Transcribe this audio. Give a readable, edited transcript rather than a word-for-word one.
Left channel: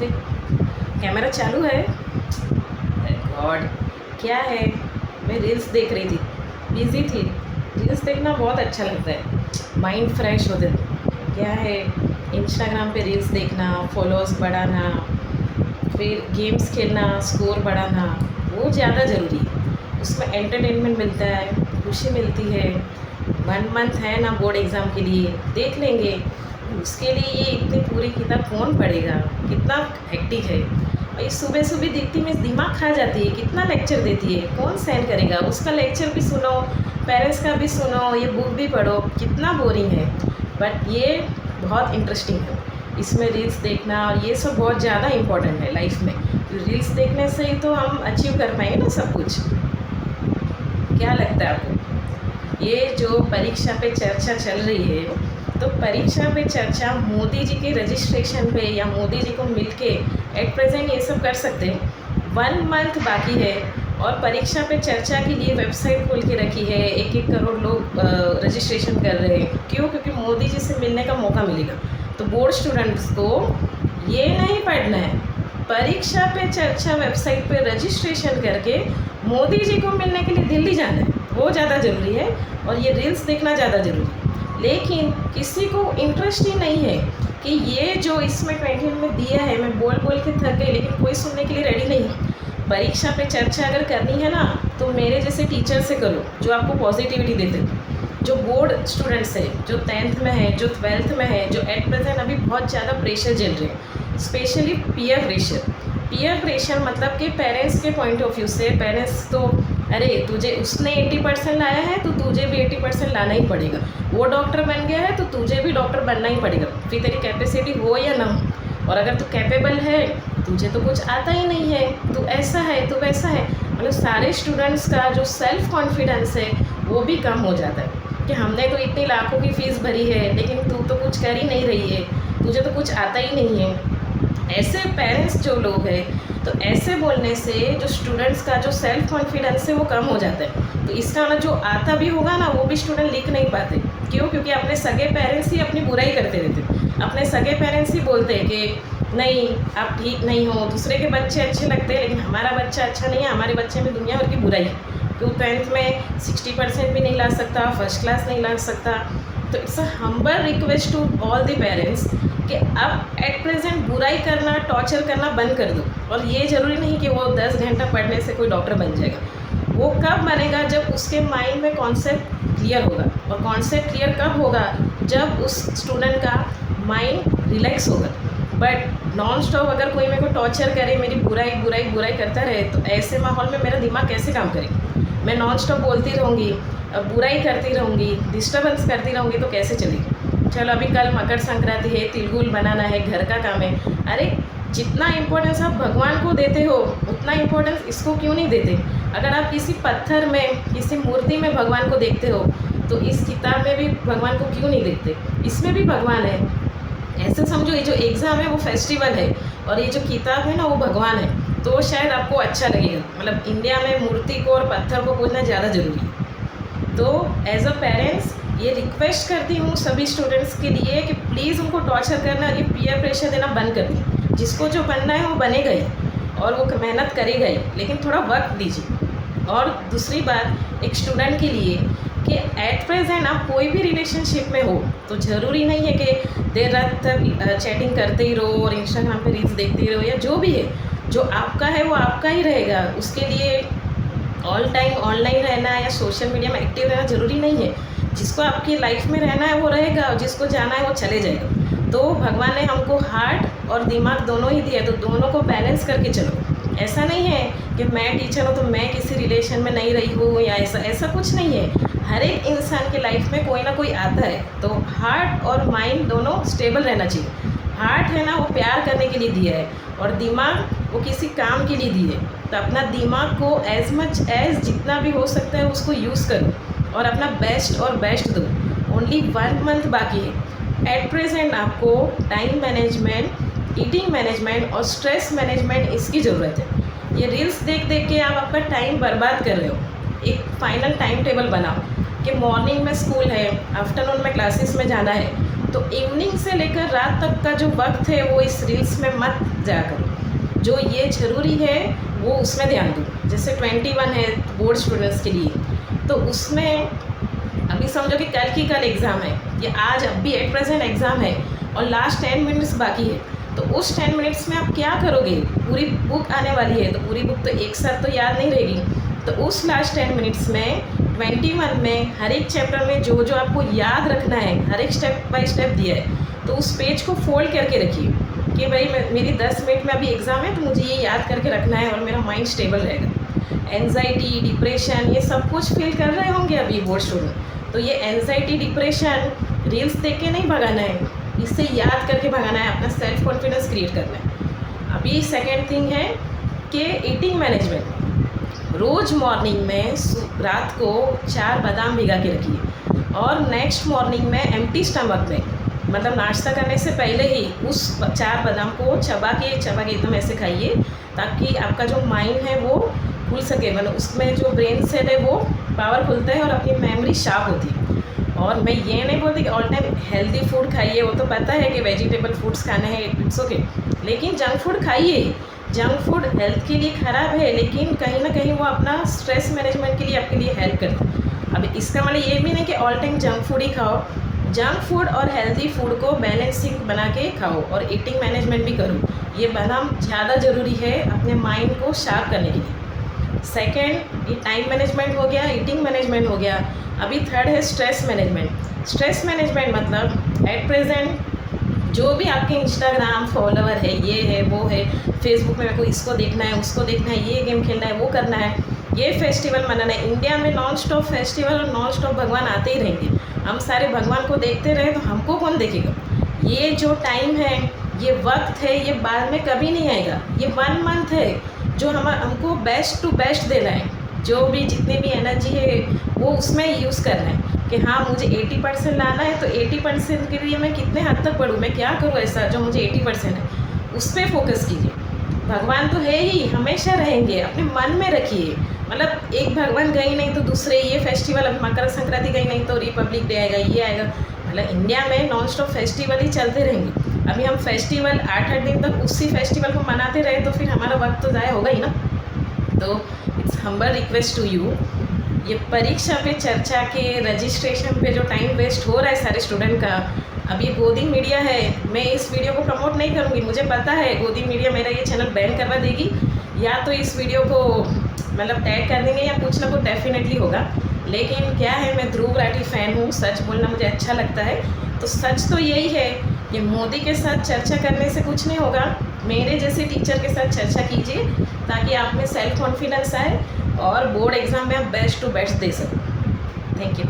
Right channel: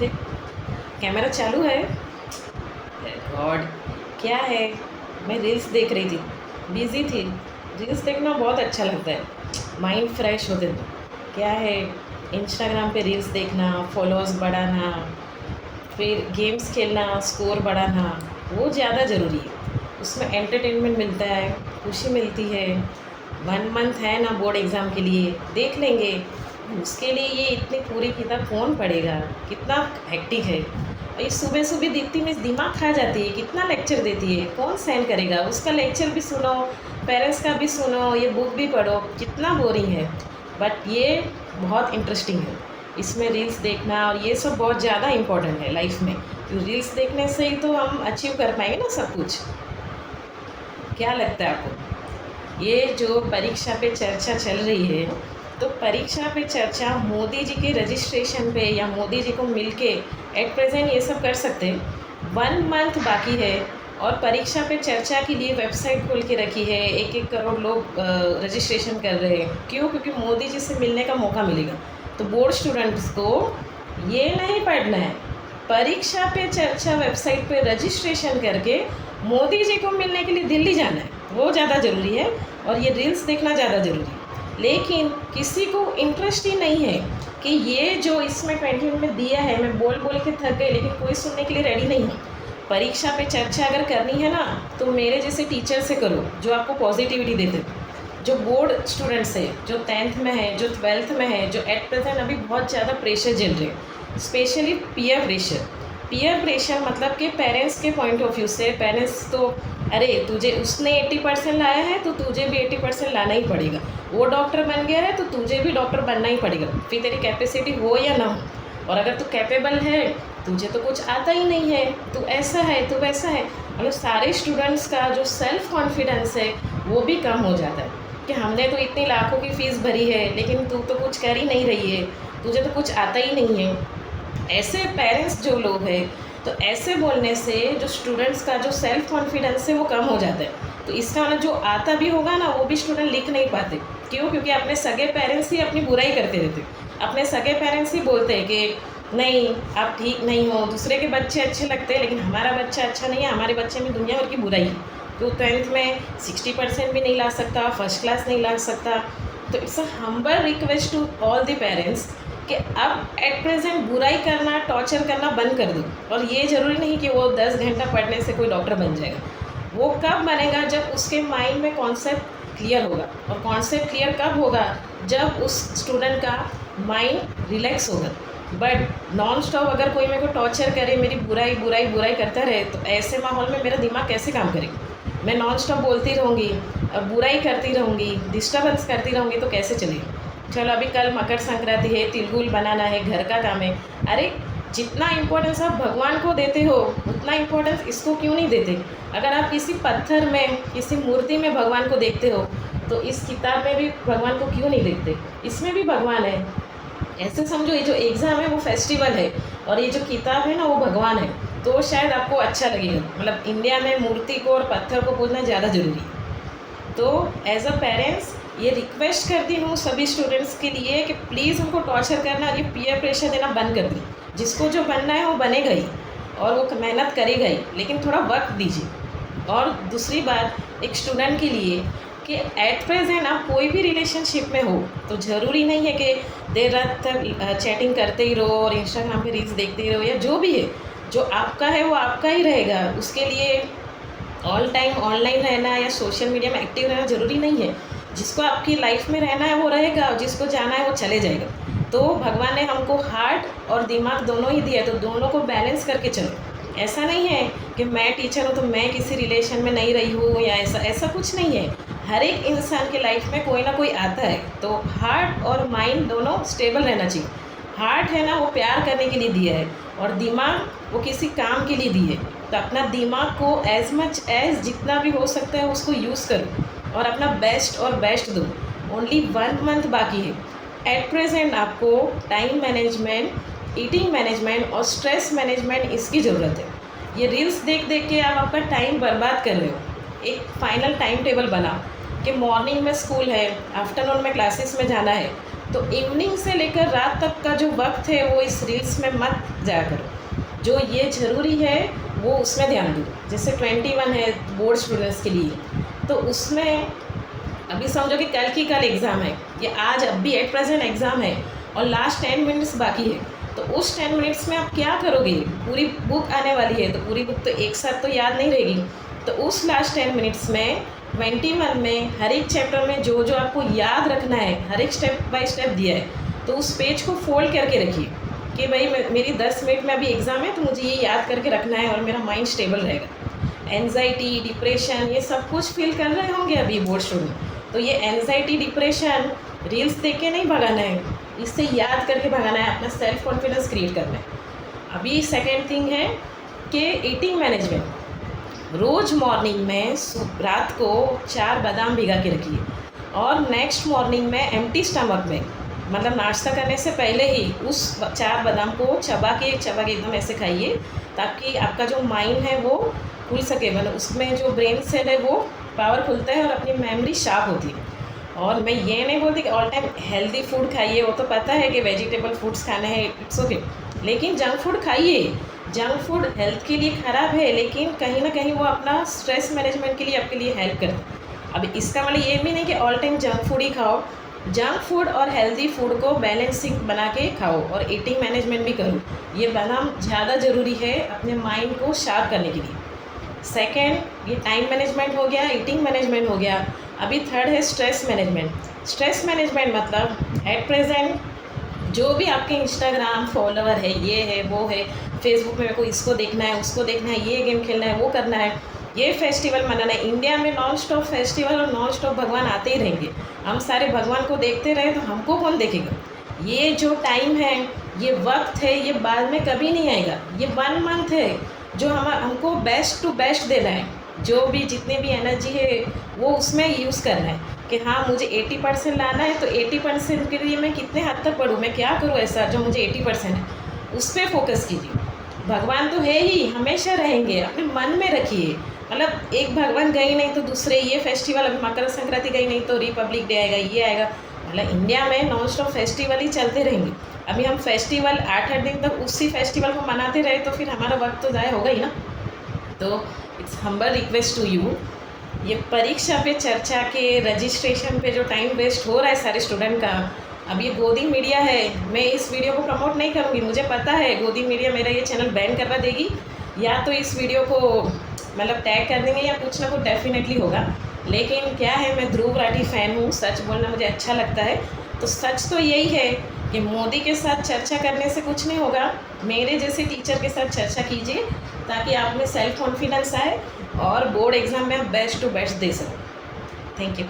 अरे कैमरा चालू है। गॉड, क्या है? मैं रील्स देख रही थी, बिज़ी थी। रील्स देखना बहुत अच्छा लगता है, माइंड फ्रेश होते। क्या है, इंस्टाग्राम पे रील्स देखना, फॉलोअर्स बढ़ाना, फिर गेम्स खेलना, स्कोर बढ़ाना, वो ज़्यादा ज़रूरी है। उसमें एंटरटेनमेंट मिलता है, खुशी मिलती है। 1 मंथ है ना बोर्ड एग्ज़ाम के लिए, देख लेंगे। उसके लिए ये इतनी पूरी किताब कौन पढ़ेगा? कितना हेक्टिक है। और ये सुबह सुबह दिखती में दिमाग खा जाती है, कितना लेक्चर देती है, कौन सहन करेगा? उसका लेक्चर भी सुनो, पेरेंट्स का भी सुनो, ये बुक भी पढ़ो, कितना बोरिंग है। बट ये बहुत इंटरेस्टिंग है। इसमें रील्स देखना और ये सब बहुत ज़्यादा इम्पोर्टेंट है लाइफ में। रील्स देखने से ही तो हम अचीव कर पाएंगे ना सब कुछ। क्या लगता है आपको? ये जो परीक्षा पे चर्चा चल रही है, तो परीक्षा पे चर्चा मोदी जी के रजिस्ट्रेशन पे या मोदी जी को मिलके एट प्रेजेंट ये सब कर सकते हैं। 1 मंथ बाकी है और परीक्षा पे चर्चा के लिए वेबसाइट खोल के रखी है। 1-1 करोड़ लोग रजिस्ट्रेशन कर रहे हैं। क्यों? क्योंकि मोदी जी से मिलने का मौका मिलेगा। तो बोर्ड स्टूडेंट्स को ये नहीं पढ़ना है, परीक्षा पे चर्चा वेबसाइट पे रजिस्ट्रेशन करके मोदी जी को मिलने के लिए दिल्ली जाना है, वो ज़्यादा ज़रूरी है। और ये रील्स देखना ज़्यादा ज़रूरी है। लेकिन किसी को इंटरेस्ट ही नहीं है कि ये जो इसमें 20 में दिया है, मैं बोल बोल के थक गई, लेकिन कोई सुनने के लिए रेडी नहीं है। परीक्षा पे चर्चा अगर करनी है ना, तो मेरे जैसे टीचर से करो जो आपको पॉजिटिविटी देते, जो बोर्ड स्टूडेंट्स है, जो 10th में है, जो 12th में है, जो एट प्रेजेंट अभी बहुत ज़्यादा प्रेशर झेल रहे हैं, specially peer pressure. Peer pressure मतलब कि पेरेंट्स के पॉइंट ऑफ व्यू से पेरेंट्स तो अरे तुझे उसने 80% लाया है तो तुझे भी 80% लाना ही पड़ेगा। वो डॉक्टर बन गया है तो तुझे भी डॉक्टर बनना ही पड़ेगा, फिर तेरी कैपेसिटी हो या ना हो। और अगर तू कैपेबल है, तुझे तो कुछ आता ही नहीं है, तू ऐसा है, तू वैसा है, मतलब सारे स्टूडेंट्स का जो सेल्फ कॉन्फिडेंस है वो भी कम हो जाता है कि हमने तो इतनी लाखों की फ़ीस भरी है लेकिन तू तो कुछ कर ही नहीं रही है, तुझे तो कुछ आता ही नहीं है। ऐसे पेरेंट्स जो लोग हैं, तो ऐसे बोलने से जो स्टूडेंट्स का जो सेल्फ कॉन्फिडेंस है वो कम हो जाता है। तो इसका मतलब जो आता भी होगा ना, वो भी स्टूडेंट लिख नहीं पाते। क्यों? क्योंकि अपने सगे पेरेंट्स ही अपनी बुराई करते रहते। अपने सगे पेरेंट्स ही बोलते हैं कि नहीं आप ठीक नहीं हो, दूसरे के बच्चे अच्छे लगते हैं लेकिन हमारा बच्चा अच्छा नहीं है, हमारे बच्चे में दुनिया भर की बुराई है। तो 10th में 60% भी नहीं ला सकता, फर्स्ट क्लास नहीं ला सकता। तो it's a humble request to all the parents कि अब एट प्रेजेंट बुराई करना, टॉर्चर करना बंद कर दो। और ये ज़रूरी नहीं कि वो 10 घंटा पढ़ने से कोई डॉक्टर बन जाएगा। वो कब बनेगा? जब उसके माइंड में कॉन्सेप्ट क्लियर होगा। और कॉन्सेप्ट क्लियर कब होगा? जब उस स्टूडेंट का माइंड रिलैक्स होगा। बट नॉन स्टॉप अगर कोई मेरे को टॉर्चर करे, मेरी बुराई बुराई बुराई करता रहे, तो ऐसे माहौल में मेरा दिमाग कैसे काम करेगा? मैं नॉन स्टॉप बोलती रहूँगी, बुराई करती रहूँगी, डिस्टर्बेंस करती रहूँगी, तो कैसे चलेगी? चलो अभी कल मकर संक्रांति है, तिलगुल बनाना है, घर का काम है। अरे जितना इम्पोर्टेंस आप भगवान को देते हो उतना इम्पोर्टेंस इसको क्यों नहीं देते? अगर आप किसी पत्थर में, किसी मूर्ति में भगवान को देखते हो, तो इस किताब में भी भगवान को क्यों नहीं देखते? इसमें भी भगवान है। ऐसे समझो ये जो एग्ज़ाम है वो फेस्टिवल है और ये जो किताब है ना वो भगवान है। तो शायद आपको अच्छा लगेगा। मतलब इंडिया में मूर्ति को और पत्थर को पूजना ज़्यादा ज़रूरी है। तो एज अ पेरेंट्स ये रिक्वेस्ट करती हूँ सभी स्टूडेंट्स के लिए कि प्लीज़ उनको टॉर्चर करना, ये पीयर प्रेशर देना बंद कर दिए। जिसको जो बनना है वो बनेगा ही और वो मेहनत करेगा ही, लेकिन थोड़ा वक्त दीजिए। और दूसरी बात एक स्टूडेंट के लिए कि एट प्रेजेंट आप कोई भी रिलेशनशिप में हो तो ज़रूरी नहीं है कि देर रात तक चैटिंग करते ही रहो और इंस्टाग्राम पे रील्स देखते ही रहो, या जो भी है, जो आपका है वो आपका ही रहेगा। उसके लिए ऑल टाइम ऑनलाइन रहना या सोशल मीडिया में एक्टिव रहना ज़रूरी नहीं है। जिसको आपकी लाइफ में रहना है वो रहेगा और जिसको जाना है वो चले जाएगा। तो भगवान ने हमको हार्ट और दिमाग दोनों ही दिया, तो दोनों को बैलेंस करके चलो। ऐसा नहीं है कि मैं टीचर हूँ तो मैं किसी रिलेशन में नहीं रही हूँ या ऐसा कुछ नहीं है। हर एक इंसान के लाइफ में कोई ना कोई आता है, तो हार्ट और माइंड दोनों स्टेबल रहना चाहिए। हार्ट है ना वो प्यार करने के लिए दिया है और दिमाग वो किसी काम के लिए दिए। तो अपना दिमाग को एज मच एज जितना भी हो सकता है उसको यूज़ करो और अपना बेस्ट और बेस्ट दो। ओनली 1 मंथ बाकी है। एट प्रेजेंट आपको टाइम मैनेजमेंट, ईटिंग मैनेजमेंट और स्ट्रेस मैनेजमेंट इसकी ज़रूरत है। ये रील्स देख देख के आप आपका टाइम बर्बाद कर रहे हो। एक फाइनल टाइम टेबल बनाओ कि मॉर्निंग में स्कूल है, आफ्टरनून में क्लासेस में जाना है, तो इवनिंग से लेकर रात तक का जो वक्त है वो इस रील्स में मत जाया करो। जो ये ज़रूरी है वो उसमें ध्यान दो। जैसे 21 है बोर्ड स्टूडेंट्स के लिए, तो उसमें अभी समझो कि कल एग्ज़ाम है, ये आज अभी एट प्रेजेंट एग्ज़ाम है और लास्ट 10 मिनट्स बाकी है। तो उस 10 मिनट्स में आप क्या करोगे? पूरी बुक आने वाली है, तो पूरी बुक तो एक साथ तो याद नहीं रहेगी। तो उस लास्ट 10 मिनट्स में 21 में हर एक चैप्टर में जो जो आपको याद रखना है, हर एक स्टेप बाय स्टेप दिया है, तो उस पेज को फोल्ड करके रखिए कि भाई मेरी 10 मिनट में अभी एग्ज़ाम है, तो मुझे ये याद करके रखना है और मेरा माइंड स्टेबल रहेगा। एनजाइटी, डिप्रेशन, ये सब कुछ फील कर रहे होंगे अभी बोर्ड स्टूडेंट, तो ये एनजाइटी, डिप्रेशन रील्स देख के नहीं भगाना है, इससे याद करके भगाना है, अपना सेल्फ कॉन्फिडेंस क्रिएट करना है। अभी सेकेंड थिंग है कि ईटिंग मैनेजमेंट। रोज़ मॉर्निंग में रात को 4 बादाम भिगा के रखिए और नेक्स्ट मॉर्निंग में एम्प्टी स्टमक में, मतलब नाश्ता करने से पहले ही उस 4 बादाम को चबा के एकदम ऐसे खाइए, ताकि आपका जो माइंड है वो खुल सके, मतलब उसमें जो ब्रेन सेल है वो पावर खुलता है और अपनी मेमोरी शार्प होती है। और मैं ये नहीं बोलती कि ऑल टाइम हेल्दी फूड खाइए, वो तो पता है कि वेजिटेबल फूड्स खाने हैं, इट्स ओके, लेकिन जंक फूड खाइए। जंक फूड हेल्थ के लिए ख़राब है, लेकिन कहीं ना कहीं वो अपना स्ट्रेस मैनेजमेंट के लिए आपके लिए हेल्प करता है। अब इसका मतलब ये भी नहीं कि ऑल टाइम जंक फूड ही खाओ। जंक फूड और हेल्दी फूड को बैलेंसिंग बना के खाओ और ईटिंग मैनेजमेंट भी करो। ये बनाना ज़्यादा ज़रूरी है अपने माइंड को शार्प करने के लिए। सेकेंड, ये टाइम मैनेजमेंट हो गया, ईटिंग मैनेजमेंट हो गया। अभी थर्ड है स्ट्रेस मैनेजमेंट। स्ट्रेस मैनेजमेंट मतलब एट प्रेजेंट जो भी आपके इंस्टाग्राम फॉलोवर है, ये है वो है, फेसबुक में मेरे को इसको देखना है, उसको देखना है, ये गेम खेलना है, वो करना है, ये फेस्टिवल मनाना है। इंडिया में नॉन स्टॉप फेस्टिवल और नॉन स्टॉप भगवान आते ही रहेंगे। हम सारे भगवान को देखते रहे तो हमको कौन देखेगा? ये जो टाइम है, ये वक्त है, ये बाद में कभी नहीं आएगा। ये 1 मंथ है जो हमको बेस्ट टू बेस्ट देना है। जो भी जितनी भी एनर्जी है वो उसमें यूज़ करना है कि हाँ मुझे 80% लाना है, तो 80% के लिए मैं कितने हद तक पढ़ूँ, मैं क्या करूँ ऐसा जो मुझे 80% है, उस पर फोकस कीजिए। भगवान तो है ही, हमेशा रहेंगे, अपने मन में रखिए। मतलब एक भगवान गई नहीं तो दूसरे, ये फेस्टिवल अभी मकर संक्रांति गई नहीं तो रिपब्लिक डे आएगा, ये आएगा। मतलब इंडिया में नॉन स्टॉप फेस्टिवल ही चलते रहेंगे। अभी हम फेस्टिवल 8-8 दिन तक उसी फेस्टिवल को मनाते रहे तो फिर हमारा वक्त तो ज़ाया होगा ही ना। तो it's humble request to you, ये परीक्षा पे चर्चा के रजिस्ट्रेशन पे जो टाइम वेस्ट हो रहा है सारे स्टूडेंट का, अब ये गोदी मीडिया है, मैं इस वीडियो को प्रमोट नहीं करूँगी। मुझे पता है गोदी मीडिया मेरा ये चैनल बैन करवा देगी, या तो इस वीडियो को मतलब टैग कर देंगे या कुछ ना कुछ डेफिनेटली होगा। लेकिन क्या है, मैं ध्रुव राठी फ़ैन हूँ, सच बोलना मुझे अच्छा लगता है। तो सच तो यही है कि मोदी के साथ चर्चा करने से कुछ नहीं होगा, मेरे जैसे टीचर के साथ चर्चा कीजिए ताकि आप में सेल्फ कॉन्फिडेंस आए और बोर्ड एग्ज़ाम में बेस्ट टू बेस्ट दे सकूँ। Thank you.